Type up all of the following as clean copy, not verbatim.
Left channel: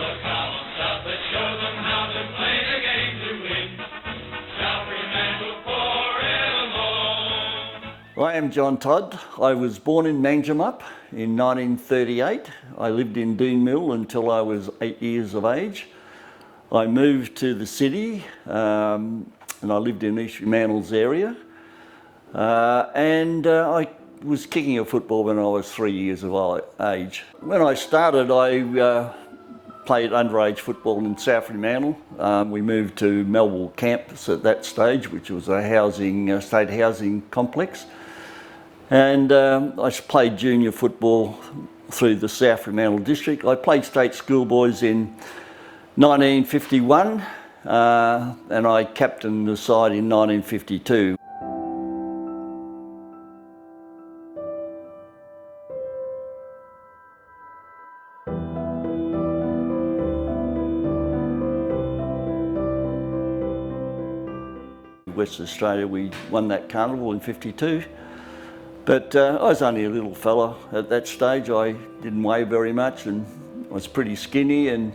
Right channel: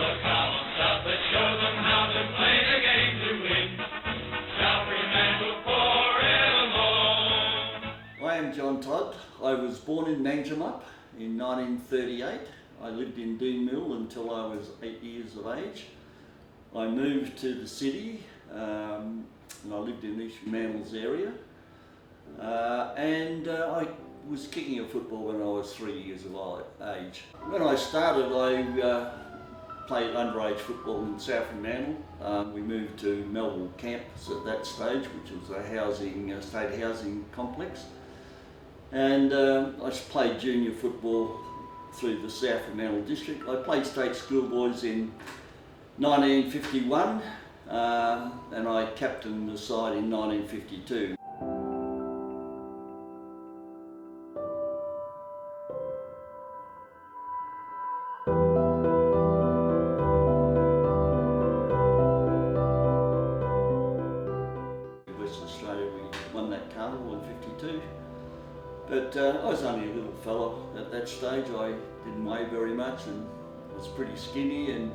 So come on, South, let's show them how to play the game to win. South Fremantle forevermore. I am John Todd. I was born in Manjimup in 1938. I lived in Dean Mill until I was 8 years of age. I moved to the city and I lived in East Fremantle's area. I was kicking a football when I was 3 years of age. When I started, I played underage football in South Fremantle. We moved to Melville campus at that stage, which was a state housing complex. And I played junior football through the South Fremantle district. I played state schoolboys in 1951 and I captained the side in 1952. Western Australia, we won that carnival in 52. But I was only a little fella at that stage. I didn't weigh very much and was pretty skinny,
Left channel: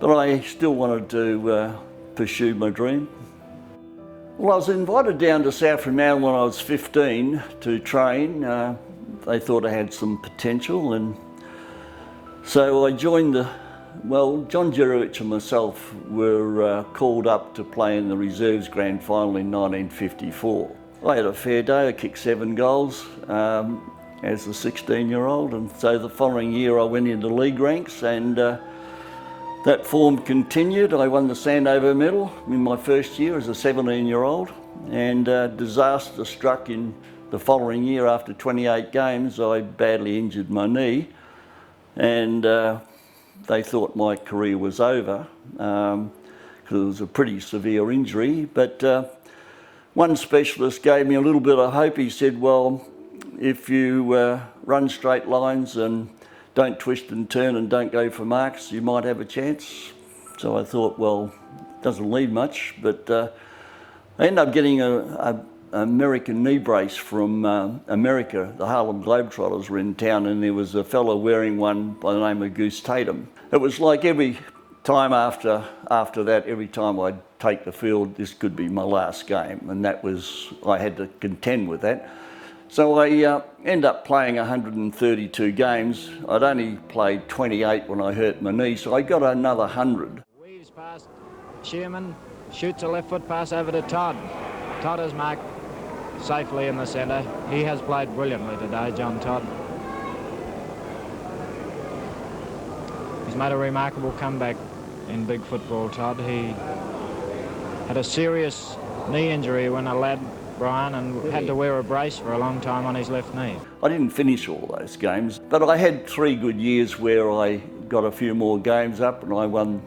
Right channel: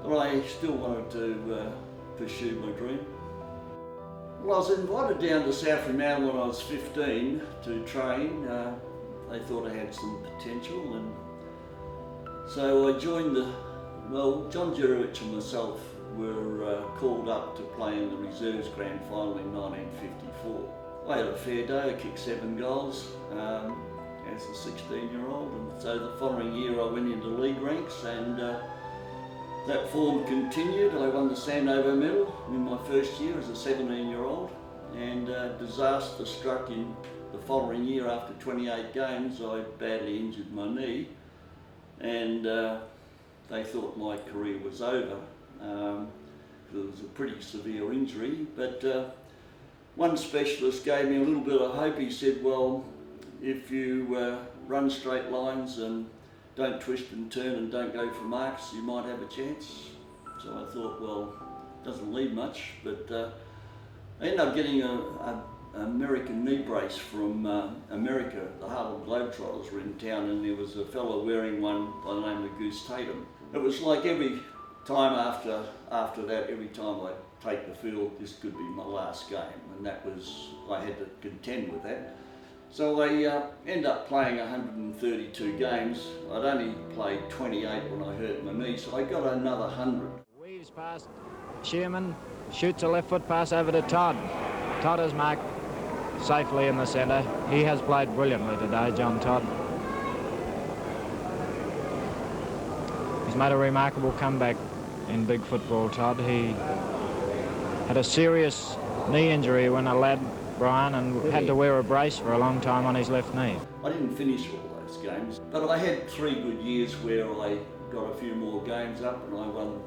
but I still wanted to pursue my dream. Well, I was invited down to South Fremantle when I was 15 to train. They thought I had some potential, and so I joined John Grljusich and myself were called up to play in the reserves grand final in 1954. I had a fair day. I kicked 7 goals as a 16-year-old, and so the following year I went into league ranks, and that form continued. I won the Sandover medal in my first year as a 17-year-old, and disaster struck in the following year. After 28 games, I badly injured my knee, and they thought my career was over because it was a pretty severe injury. But one specialist gave me a little bit of hope. He said, well, if you run straight lines and don't twist and turn and don't go for marks, you might have a chance. So I thought, well, it doesn't leave much, but I ended up getting an American knee brace from America. The Harlem Globetrotters were in town, and there was a fellow wearing one by the name of Goose Tatum. It was like every time after that, every time I'd take the field, this could be my last game, and I had to contend with that. So I ended up playing 132 games. I'd only played 28 when I hurt my knee, so I got another 100. Weaves past Shearman, shoots a left foot pass over to Todd. Todd is marked safely in the centre. He has played brilliantly today, John Todd. He's made a remarkable comeback in big football, Todd. He had a serious knee injury when a lad, Brian, and had to wear a brace for a long time on his left knee. I didn't finish all those games, but I had 3 good years where I got a few more games up, and I won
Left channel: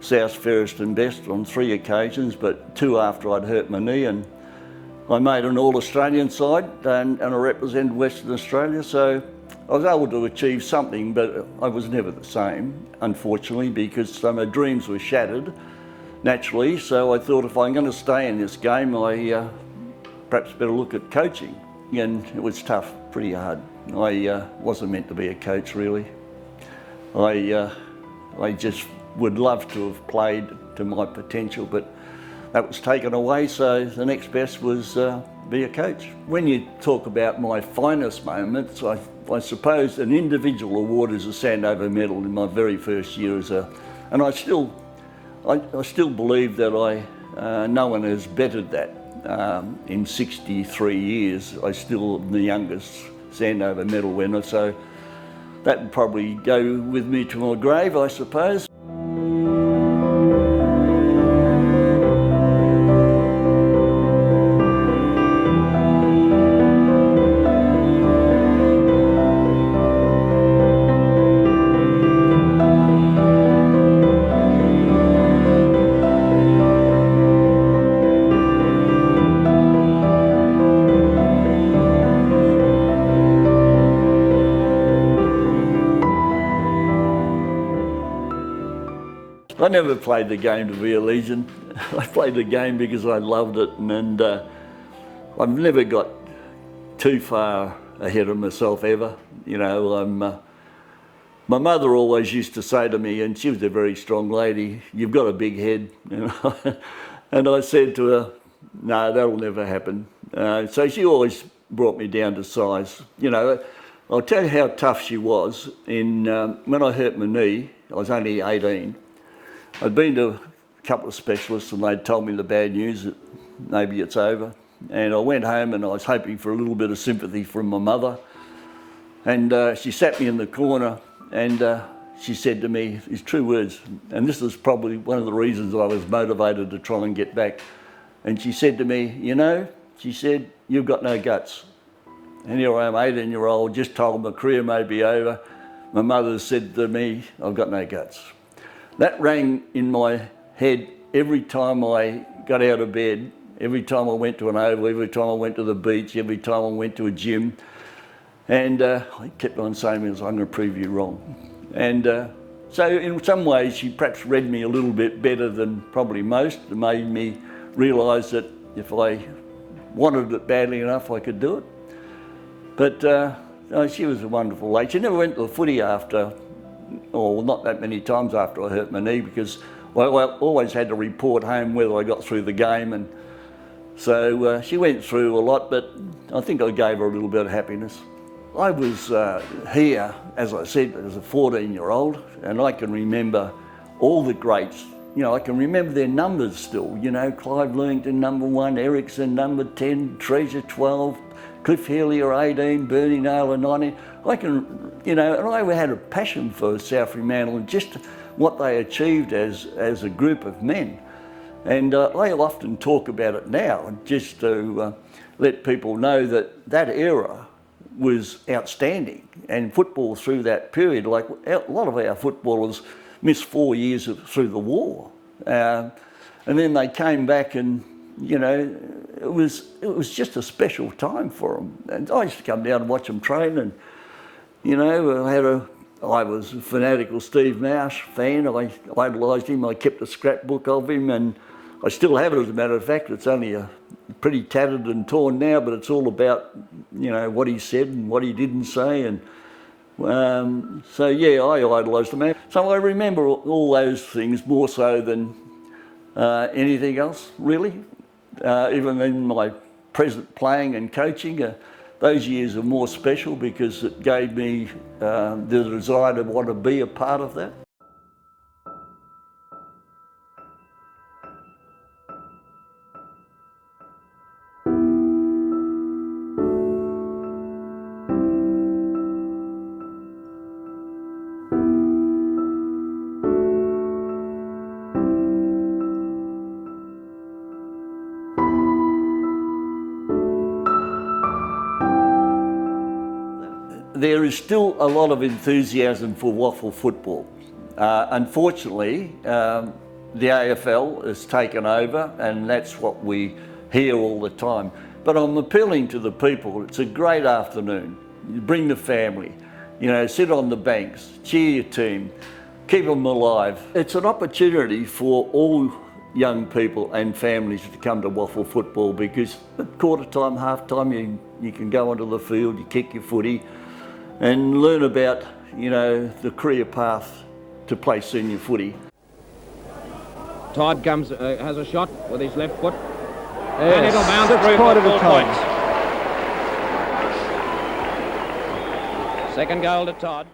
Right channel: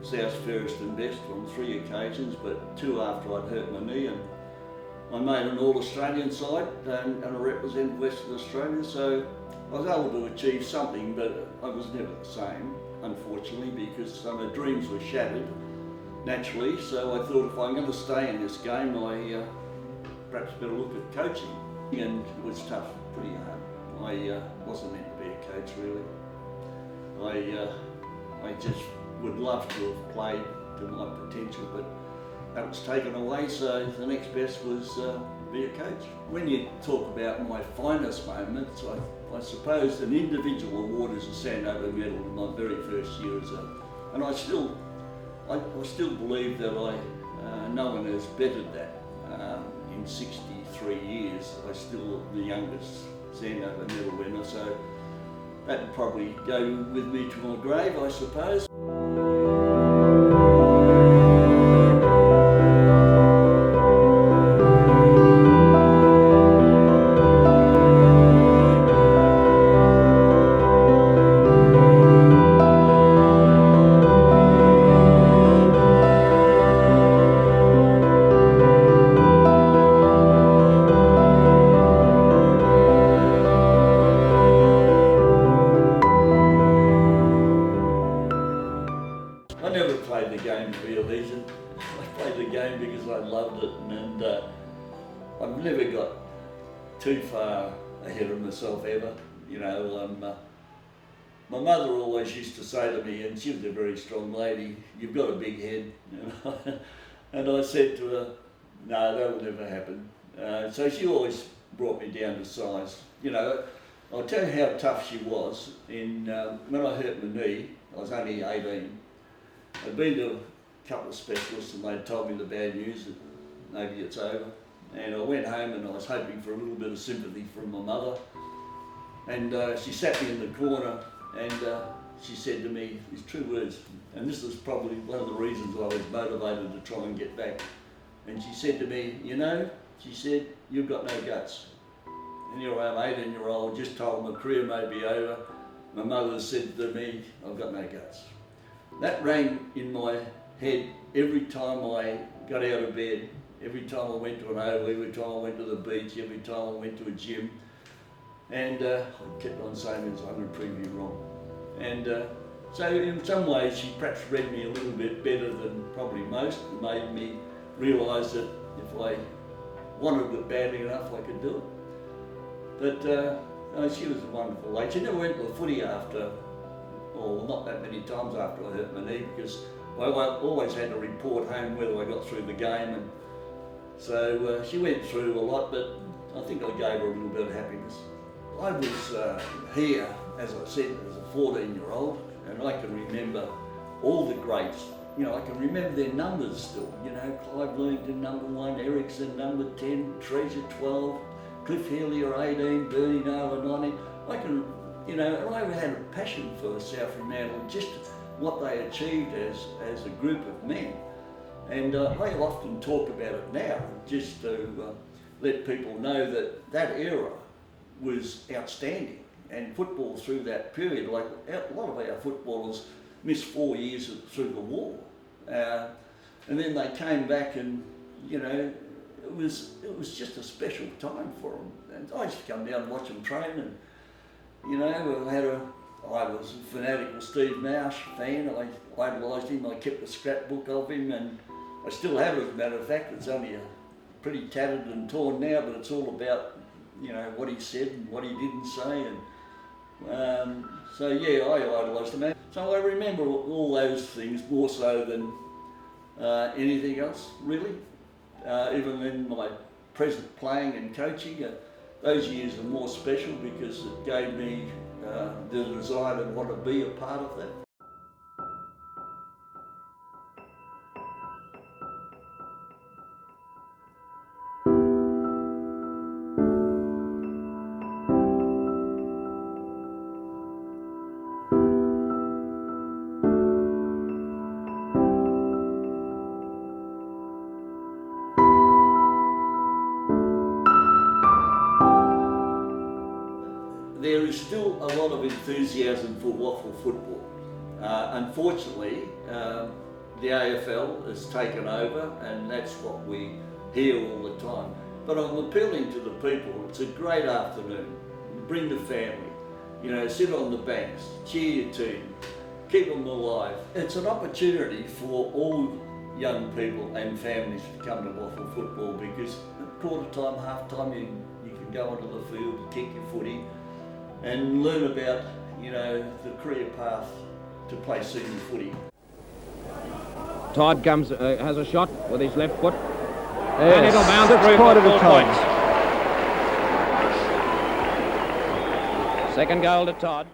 South Fairest and Best on 3 occasions, but 2 after I'd hurt my knee, and I made an All-Australian side and I represented Western Australia, so I was able to achieve something, but I was never the same, unfortunately, because my dreams were shattered, naturally. So I thought, if I'm going to stay in this game, I perhaps better look at coaching. And it was tough, pretty hard. I wasn't meant to be a coach, really. I just would love to have played to my potential, but that was taken away, so the next best was be a coach. When you talk about my finest moments, I suppose an individual award is a Sandover medal in my very first year and I still believe that no one has bettered that. In 63 years, I still am the youngest Sandover medal winner, so that would probably go with me to my grave, I suppose. I never played the game to be a legend. I played the game because I loved it, and I've never got too far ahead of myself ever. You know, My mother always used to say to me, and she was a very strong lady, "You've got a big head." And I said to her, "No, that'll never happen." So she always brought me down to size. You know, I'll tell you how tough she was. When I hurt my knee, I was only 18. I'd been to a couple of specialists and they'd told me the bad news that maybe it's over. And I went home and I was hoping for a little bit of sympathy from my mother. And she sat me in the corner and she said to me these true words, and this is probably one of the reasons I was motivated to try and get back. And she said to me, "You know," she said, "you've got no guts." And here I am, 18-year-old, just told my career may be over. My mother said to me, "I've got no guts." That rang in my head every time I got out of bed, every time I went to an oval, every time I went to the beach, every time I went to a gym. And I kept on saying, "I'm going to prove you wrong." And so in some ways she perhaps read me a little bit better than probably most. It made me realise that if I wanted it badly enough, I could do it. But no, she was a wonderful lady. She never went to the footy after, or not that many times after I hurt my knee, because I always had to report home whether I got through the game. And so she went through a lot, but I think I gave her a little bit of happiness. I was here, as I said, as a 14-year-old, and I can remember all the greats. You know, I can remember their numbers still. You know, Clive Lewington, number 1, Ericsson, number 10, Treasure, 12, Cliff Healy, 18, Bernie Naylor, 19. I can, you know, and I had a passion for South Fremantle and just what they achieved as a group of men. And I often talk about it now, just to let people know that that era was outstanding, and football through that period, like a lot of our footballers missed 4 years through the war, and then they came back, and you know, it was just a special time for them. And I used to come down and watch them train, and you know, I was a fanatical Steve Nash fan. I idolised him. I kept a scrapbook of him, and I still have it, as a matter of fact. It's only pretty tattered and torn now, but it's all about, you know, what he said and what he didn't say. And so yeah, I idolised the man. So I remember all those things more so than anything else, really. Even in my present playing and coaching, those years are more special because it gave me the desire to want to be a part of that. There is still a lot of enthusiasm for waffle football. Unfortunately, the AFL has taken over, and that's what we hear all the time. But I'm appealing to the people. It's a great afternoon. You bring the family, you know, sit on the banks, cheer your team, keep them alive. It's an opportunity for all young people and families to come to waffle football, because at quarter time, half time, you can go onto the field, you kick your footy, and learn about, you know, the career path to play senior footy. Todd comes, has a shot with his left foot, Yes, and it'll bounce that's through quite for at a 4 time. points. Second goal to Todd.